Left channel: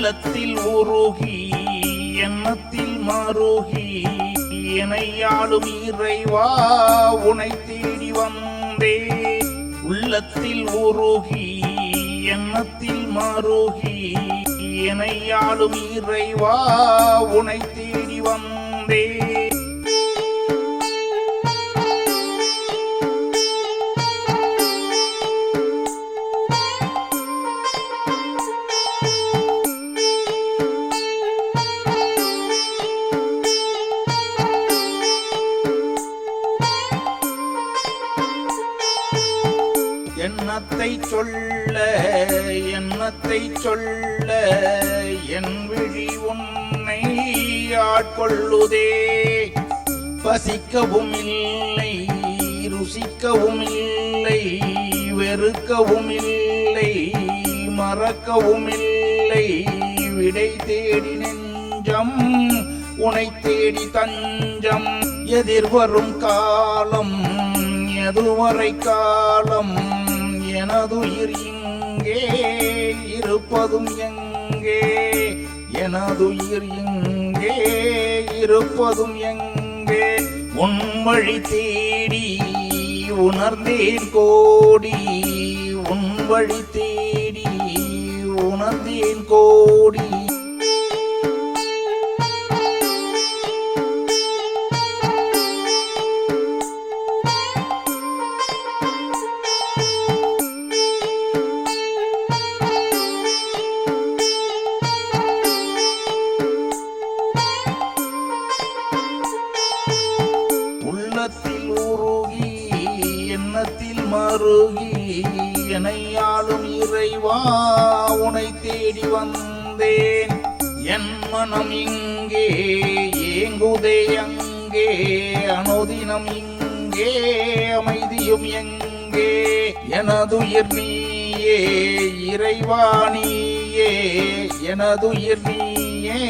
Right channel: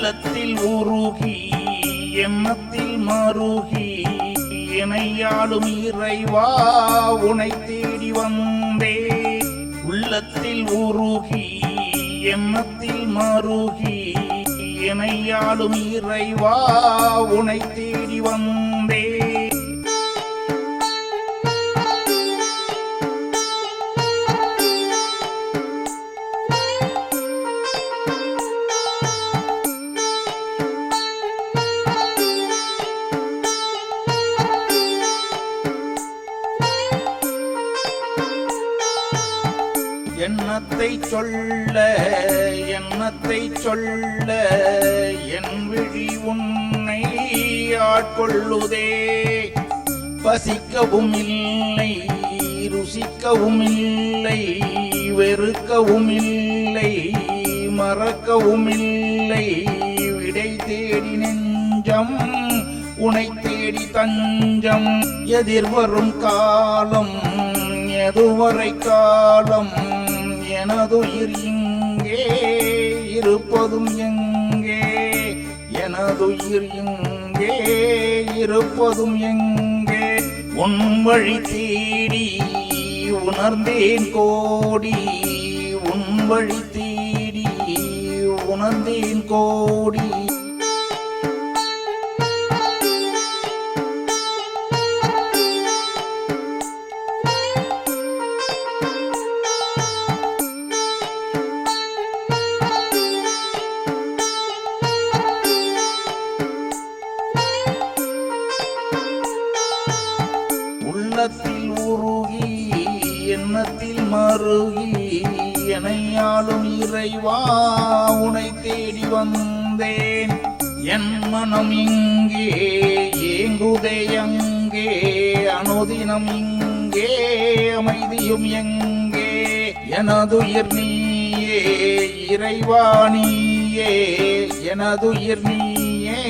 உள்ளத்தில் உருகி எண்ணத்தில் மருகி இணையாளும் இறைவா உனை தேடி வந்தே. உள்ளத்தில் உருகி எண்ணத்தில் மருகி இணையாளும் இறைவா உனை தேடி வந்தே. எண்ணத்தை சொல்ல எண்ணத்தை சொல்ல என் விழி உன்னை ஆட்கொள்ளுதே. பசிக்கவும் இல்லை ருசிக்கவும் இல்லை வெறுக்கவும் இல்லை மறக்கவும் இல்லை. விடை தேடி நெஞ்சம் உனை தேடி தஞ்சம் எதிர்வரும் காலம் எதுவரை காலம் எனதுயிர் இங்கே இருப்பதும் எங்கே? எனதுயிர் இங்கே இருப்பதும் எங்கே? உன் வழி தேடி உணர்ந்தேன் கோடி. உன் வழி தேடி உணர்ந்தேன் கோடி. மனத்தில் மருகி எனையாளும் இறைவா உனை தேடி வந்தேன். என் மனம் இங்கே ஏங்குதே எங்கே அனுதினம் இங்கே அமைதியும் எங்கே. எனதுயிர் நீயே இறைவா நீயே எனதுயிர் நீயே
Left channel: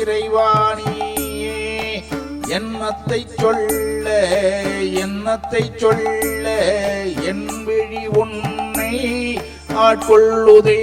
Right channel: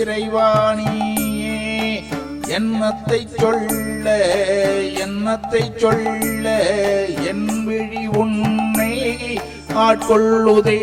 இறைவா நீயே. சொல் சொல்ல எண்ணத்தை சொல்ல என் விழி உன்னை ஆட்கொள்ளுதே.